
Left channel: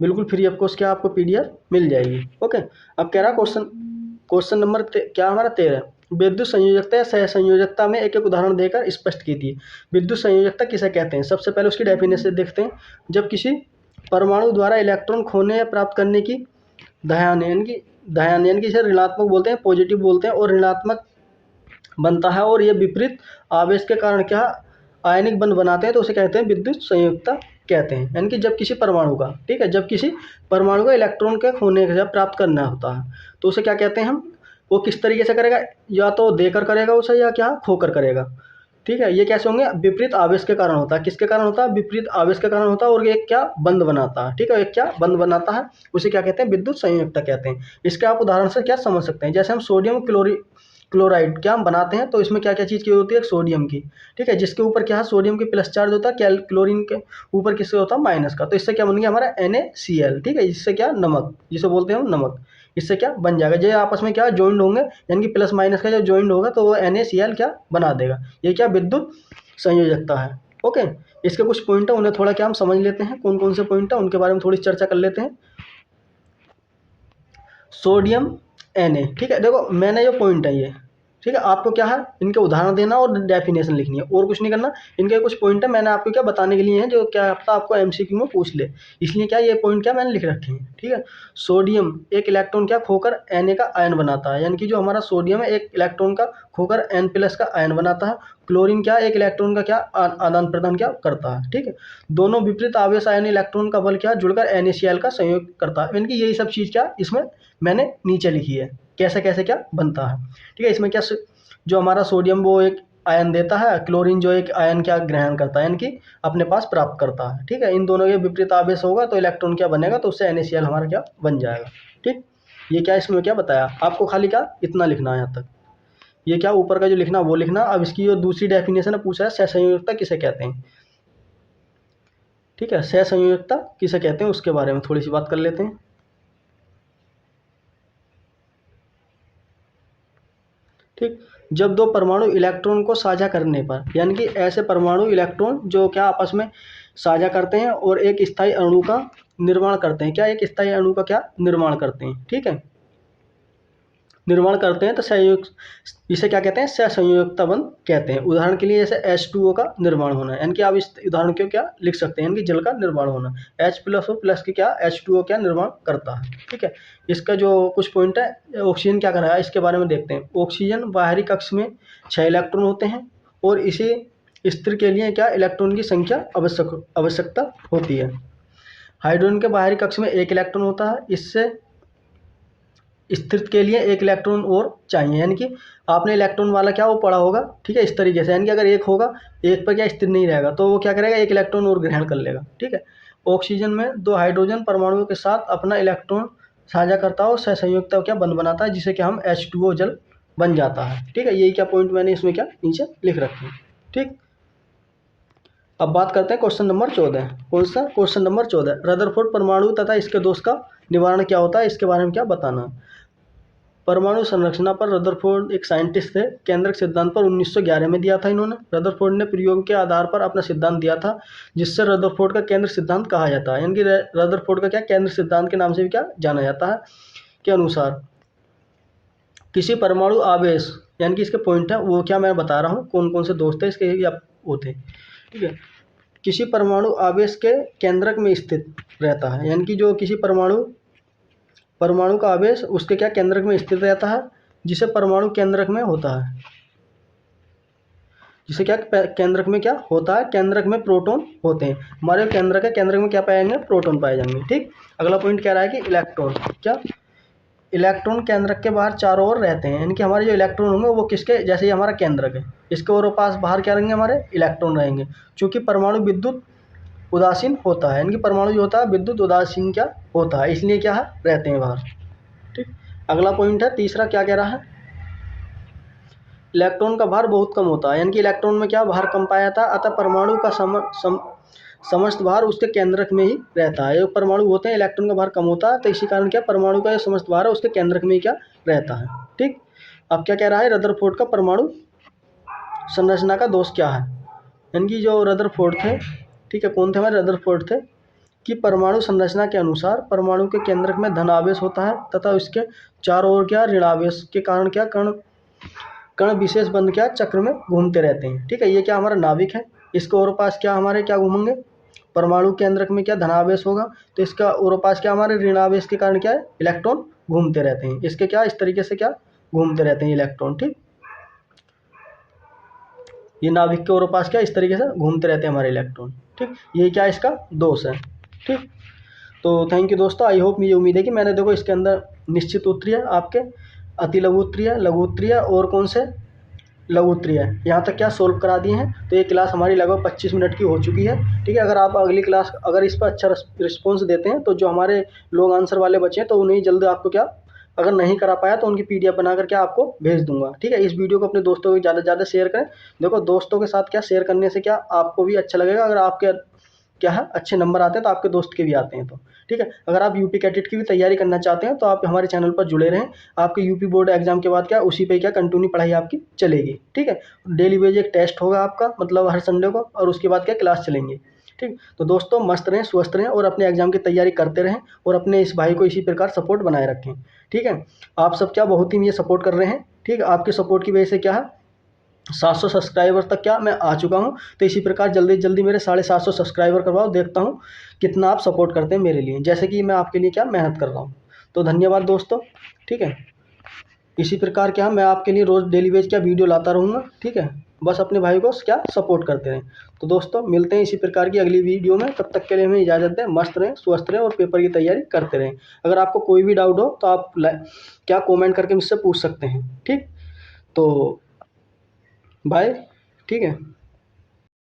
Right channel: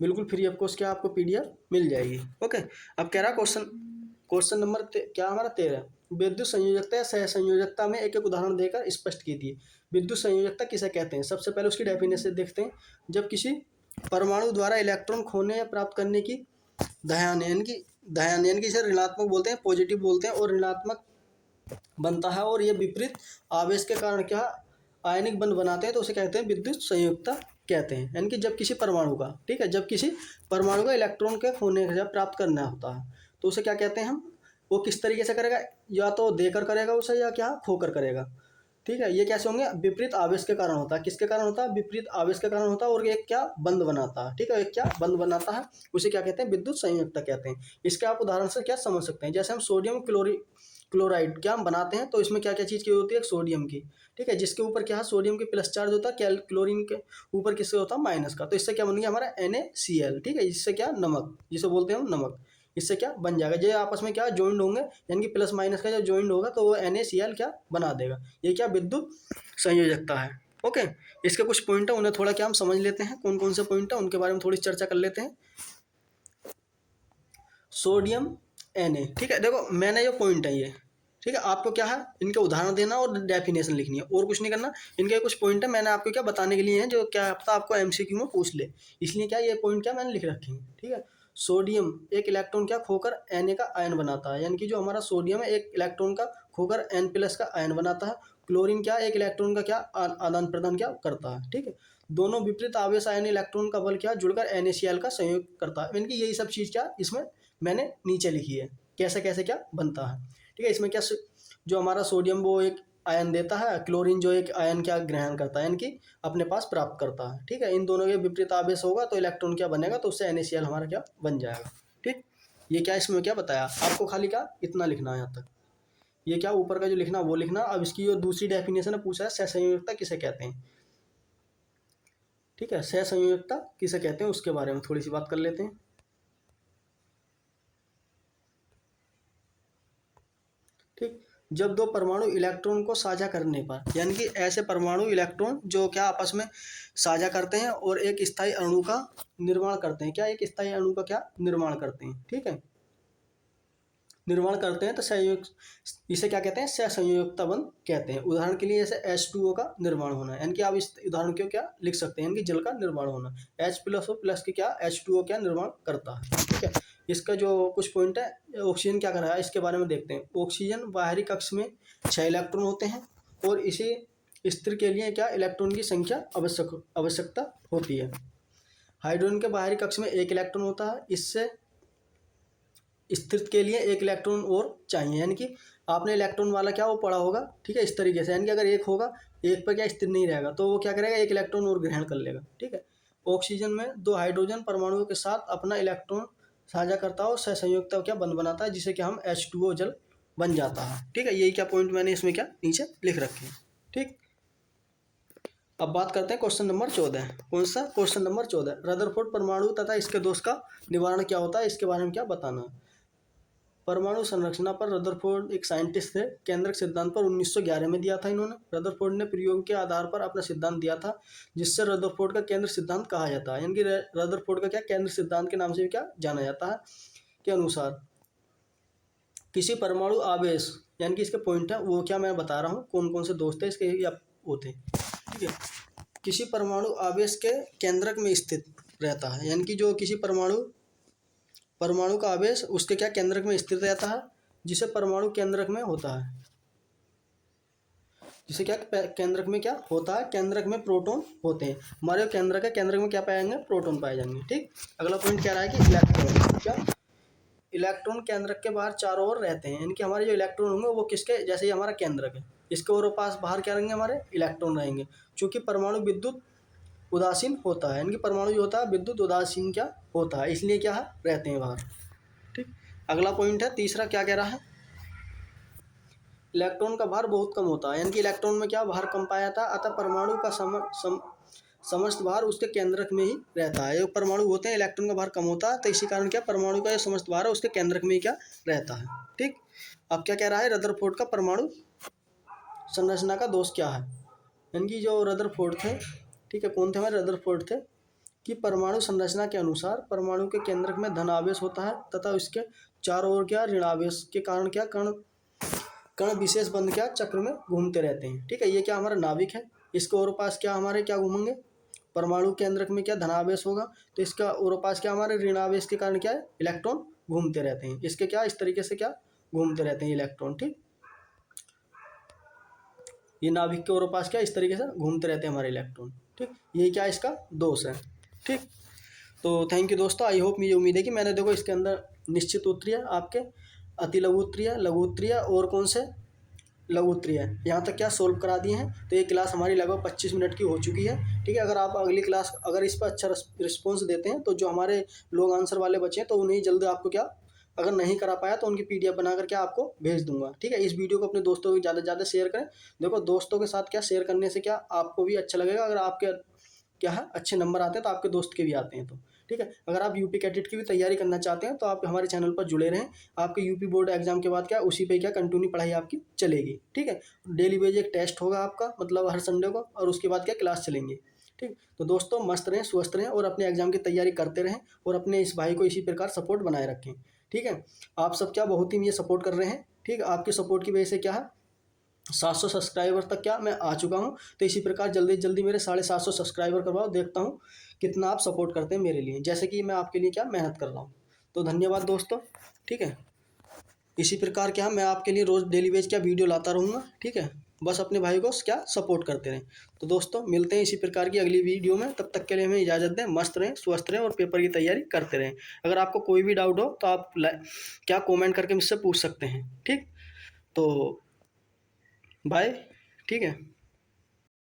बिल्कुल फ्री ऑफ कॉस्ट क्या आपको PDF मिल जाएगी। ओके, अब कह रहा क्वेश्चन नंबर क्या हमारा 13, विद्युत संयोजकता या सहसंयोजकता में एक एक उदाहरण देकर स्पष्ट कीजिए। विद्युत संयोजकता किसे कहते हैं, सबसे पहले उसकी डेफिनेशन देखते हैं। जब किसी परमाणु द्वारा इलेक्ट्रॉन खोने या प्राप्त करने की दायान यानी कि इसे ऋणात्मक बोलते हैं, पॉजिटिव बोलते हैं, और ऋणात्मक बनता है और ये विपरीत आवेश के कारण क्या आयनिक बंध बनाते हैं तो उसे कहते हैं विद्युत संयोजकता कहते हैं। यानी कि जब किसी परमाणु का, ठीक है, जब किसी परमाणु का इलेक्ट्रॉन के खोने का प्राप्त करना होता है तो उसे क्या कहते हैं हम, वो किस तरीके से करेगा, या तो देकर करेगा उसे या क्या खोकर करेगा। ठीक है, ये कैसे होंगे, विपरीत आवेश के कारण होता है। किसके कारण होता है, विपरीत आवेश के कारण होता है, और एक क्या बंध बनाता है। ठीक है, एक क्या बंध बनाता है, उसे क्या कहते हैं, विद्युत संयोजकता कहते हैं। इसके आप उदाहरण से क्या समझ सकते हैं, जैसे हम सोडियम क्लोराइड क्या हम बनाते हैं तो इसमें क्या क्या चीज़ की होती है, सोडियम की। ठीक है, जिसके ऊपर क्या है सोडियम के प्लस चार्ज होता है, क्लोरीन के ऊपर किससे होता है माइनस का, तो इससे क्या बन गया हमारा NaCl। ठीक है, इससे क्या नमक, जिसे बोलते हैं हम नमक, इससे क्या बन जाएगा, ये आपस में क्या जॉइंड होंगे, यानी कि प्लस माइनस का जब जॉइंड होगा तो वो NaCl क्या बना देगा। ये क्या विद्युत संयोजकता है। ओके, इसके कुछ पॉइंट है, उन्हें थोड़ा क्या हम समझ लेते हैं, कौन कौन से पॉइंट है उनके बारे में थोड़ी चर्चा कर लेते हैं। सोडियम Na, ठीक है, देखो मैंने जो पॉइंट है ये, ठीक है, आपको क्या है इनके उदाहरण देना और डेफिनेशन लिखनी है, और कुछ नहीं करना। इनके कुछ पॉइंट है मैंने आपको क्या बताने के लिए हैं, जो क्या पता आपको एमसीक्यू में पूछ ले, इसलिए क्या ये पॉइंट क्या मैंने लिख रखे हैं। ठीक है, सोडियम एक इलेक्ट्रॉन क्या खोकर Na का आयन बनाता है, यानी कि जो हमारा सोडियम है एक इलेक्ट्रॉन का खोकर N+ का आयन बनाता है। क्लोरीन क्या एक इलेक्ट्रॉन का क्या आदान प्रदान क्या करता है। ठीक है, दोनों विपरीत आवेश आयन इलेक्ट्रॉन का बल क्या जुड़कर NaCl का संयोग करता है, यानी कि यही सब चीज़ क्या इसमें मैंने नीचे लिखी है, कैसे कैसे क्या बनता है। ठीक है, इसमें क्या जो हमारा सोडियम वो एक आयन देता है, क्लोरीन जो एक आयन क्या ग्रहण करता है, यानी कि अपने पास प्राप्त करता है। ठीक है, इन दोनों के विपरीत आवेश होगा तो इलेक्ट्रॉन क्या बनेगा, तो उससे NaCl हमारा क्या बन जाएगा। ठीक, ये क्या इसमें क्या बताया आपको, खाली क्या इतना लिखना है यहाँ तक, ये क्या ऊपर का जो लिखना वो लिखना। अब इसकी जो दूसरी डेफिनेशन है पूछा है, सहसंयोजकता किसे कहते हैं। ठीक है, सहसंयोजकता किसे कहते हैं उसके बारे में थोड़ी सी बात कर लेते हैं। ठीक, जब दो परमाणु इलेक्ट्रॉन को साझा करने पर, यानी कि ऐसे परमाणु इलेक्ट्रॉन जो क्या आपस में साझा करते हैं और एक स्थायी अणु का निर्माण करते हैं, क्या एक स्थायी अणु का क्या निर्माण करते हैं। ठीक है, निर्माण करते हैं तो संयोग, इसे क्या कहते हैं, सहसंयोजकता बंध कहते हैं। उदाहरण के लिए जैसे H2O का निर्माण होना, यानी कि आप इस उदाहरण को क्या लिख सकते हैं, यानी कि जल का निर्माण होना, H+O+ की क्या H2O क्या निर्माण करता है। ठीक है, इसका जो कुछ पॉइंट है, ऑक्सीजन क्या कर रहा है इसके बारे में देखते हैं। ऑक्सीजन बाहरी कक्ष में 6 इलेक्ट्रॉन होते हैं और इसी स्थिर के लिए क्या इलेक्ट्रॉन की संख्या आवश्यकता होती है। हाइड्रोजन के बाहरी कक्ष में 1 इलेक्ट्रॉन होता है, इससे स्थिर के लिए 1 इलेक्ट्रॉन और चाहिए, यानी कि आपने इलेक्ट्रॉन वाला क्या वो पढ़ा होगा। ठीक है, इस तरीके से, यानी कि अगर 1 होगा, 1 पर क्या स्थिर नहीं रहेगा तो वो क्या करेगा 1 इलेक्ट्रॉन और ग्रहण कर लेगा। ठीक है, ऑक्सीजन में 2 हाइड्रोजन परमाणुओं के साथ अपना इलेक्ट्रॉन साझा करता है और सहसंयोजकता क्या बंध बनाता है, जिसे कि हम H2O जल बन जाता है। ठीक है, यही क्या पॉइंट मैंने इसमें क्या नीचे लिख रखे हैं। ठीक, अब बात करते हैं क्वेश्चन नंबर 14। कौन सा क्वेश्चन नंबर 14, रदरफोर्ड परमाणु तथा इसके दोष का निवारण क्या होता है, इसके बारे में क्या बताना। परमाणु संरचना पर रदरफोर्ड एक साइंटिस्ट थे, केंद्रक सिद्धांत पर 1911 में दिया था इन्होंने। रदरफोर्ड ने प्रयोग के आधार पर अपना सिद्धांत दिया था, जिससे रदरफोर्ड का केंद्र सिद्धांत कहा जाता है, यानी कि रदरफोर्ड का क्या केंद्र सिद्धांत के नाम से भी क्या जाना जाता है। के अनुसार किसी परमाणु आवेश, यानी कि इसके पॉइंट है वो क्या मैं बता रहा हूँ, कौन कौन से दोस्त है इसके या होते। ठीक है, किसी परमाणु आवेश के केंद्रक में स्थित रहता है, यानी कि जो किसी परमाणु का आवेश उसके क्या केंद्रक में स्थित रहता है, जिसे परमाणु केंद्रक में होता है, जिसे क्या केंद्रक में क्या होता है, केंद्रक में प्रोटॉन होते हैं। हमारे केंद्रक है, केंद्रक में क्या पाए जाएंगे, प्रोटॉन पाए जाएंगे। ठीक, अगला पॉइंट क्या रहा है कि इलेक्ट्रॉन, क्या इलेक्ट्रॉन केंद्रक के बाहर चारों ओर रहते हैं, यानी कि हमारे जो इलेक्ट्रॉन होंगे वो किसके, जैसे ये हमारा केंद्रक है, इसके और पास बाहर क्या रहेंगे, हमारे इलेक्ट्रॉन रहेंगे। चूँकि परमाणु विद्युत उदासीन होता है, यानी कि परमाणु जो होता है विद्युत उदासीन क्या होता है, इसलिए क्या है रहते हैं बाहर। ठीक, अगला पॉइंट है तीसरा, क्या कह रहा है, इलेक्ट्रॉन का भार बहुत कम होता है, यानी कि इलेक्ट्रॉन में क्या भार कम पाया जाता है, अतः परमाणु का समस्त भार उसके केंद्रक में ही रहता है। जो परमाणु होते हैं इलेक्ट्रॉन का भार कम होता है, तो इसी कारण क्या परमाणु का जो समस्त भार है उसके केंद्रक में ही क्या रहता है। ठीक, अब क्या कह रहा है, रदरफोर्ड का परमाणु संरचना का दोष क्या है, यानी कि जो रदरफोर्ड थे, ठीक है, कौन थे हमारे रदरफोर्ड थे, कि परमाणु संरचना के अनुसार परमाणु के केंद्रक में धन आवेश होता है तथा उसके चारों ओर क्या ऋण आवेश के कारण क्या कण विशेष बंध क्या चक्र में घूमते रहते हैं। ठीक है, ये क्या हमारा नाभिक है, इसके और पास क्या हमारे क्या घूमेंगे, परमाणु केंद्रक में क्या धनावेश होगा, तो इसका और पास क्या हमारे ऋणावेश के कारण क्या है इलेक्ट्रॉन घूमते रहते हैं, इसके क्या इस तरीके से क्या घूमते रहते हैं इलेक्ट्रॉन। ठीक, ये नाभिक के और पास क्या इस तरीके से घूमते रहते हैं हमारे इलेक्ट्रॉन। ठीक, ये क्या इसका दोष है। ठीक, तो थैंक यू दोस्तों, आई होप मुझे उम्मीद है कि मैंने देखो इसके अंदर निश्चित उत्तरीय, आपके अति लघु उत्तरीय, लघु उत्तरीय और कौन से लघु उत्तरीय यहाँ तक क्या सोल्व करा दिए हैं। तो ये क्लास हमारी लगभग 25 मिनट की हो चुकी है। ठीक है, अगर आप अगली क्लास अगर इस पर अच्छा रिस्पॉन्स देते हैं तो जो हमारे लॉन्ग आंसर वाले बचे हैं तो उन्हें जल्द आपको क्या, अगर नहीं करा पाया तो उनकी PDF बना करके आपको भेज दूंगा। ठीक है, इस वीडियो को अपने दोस्तों को ज़्यादा से ज़्यादा शेयर करें। देखो दोस्तों के साथ क्या शेयर करने से क्या आपको भी अच्छा लगेगा, अगर आपके क्या है अच्छे नंबर आते हैं तो आपके दोस्त के भी आते हैं। तो ठीक है, अगर आप यूपी कैडेट की भी तैयारी करना चाहते हैं तो आप हमारे चैनल पर जुड़े रहें। आपके यूपी बोर्ड एग्जाम के बाद क्या उसी पे क्या कंटिन्यू पढ़ाई आपकी चलेगी। ठीक है, डेली बेज एक टेस्ट होगा आपका, मतलब हर संडे को, और उसके बाद क्या क्लास चलेंगे। ठीक, तो दोस्तों मस्त रहें, स्वस्थ रहें और अपने एग्जाम की तैयारी करते रहें और अपने इस भाई को इसी प्रकार सपोर्ट बनाए रखें। ठीक है, आप सब क्या बहुत ही मुझे सपोर्ट कर रहे हैं। ठीक है, आपके सपोर्ट की वजह से क्या है 700 सब्सक्राइबर तक क्या मैं आ चुका हूँ। तो इसी प्रकार जल्दी जल्दी मेरे 750 सब्सक्राइबर करवाओ, देखता हूँ कितना आप सपोर्ट करते हैं मेरे लिए, जैसे कि मैं आपके लिए क्या मेहनत कर रहा हूँ। तो धन्यवाद दोस्तों। ठीक है, इसी प्रकार क्या मैं आपके लिए रोज़ डेली वेज क्या वीडियो लाता रहूँगा। ठीक है, बस अपने भाई को क्या सपोर्ट करते रहें। तो दोस्तों मिलते हैं इसी प्रकार की अगली वीडियो में, तब तक के लिए हमें इजाज़त दें। मस्त रहें, स्वस्थ रहें और पेपर की तैयारी करते रहें। अगर आपको कोई भी डाउट हो तो आप क्या कमेंट करके मुझसे पूछ सकते हैं। ठीक, तो बाय। ठीक है।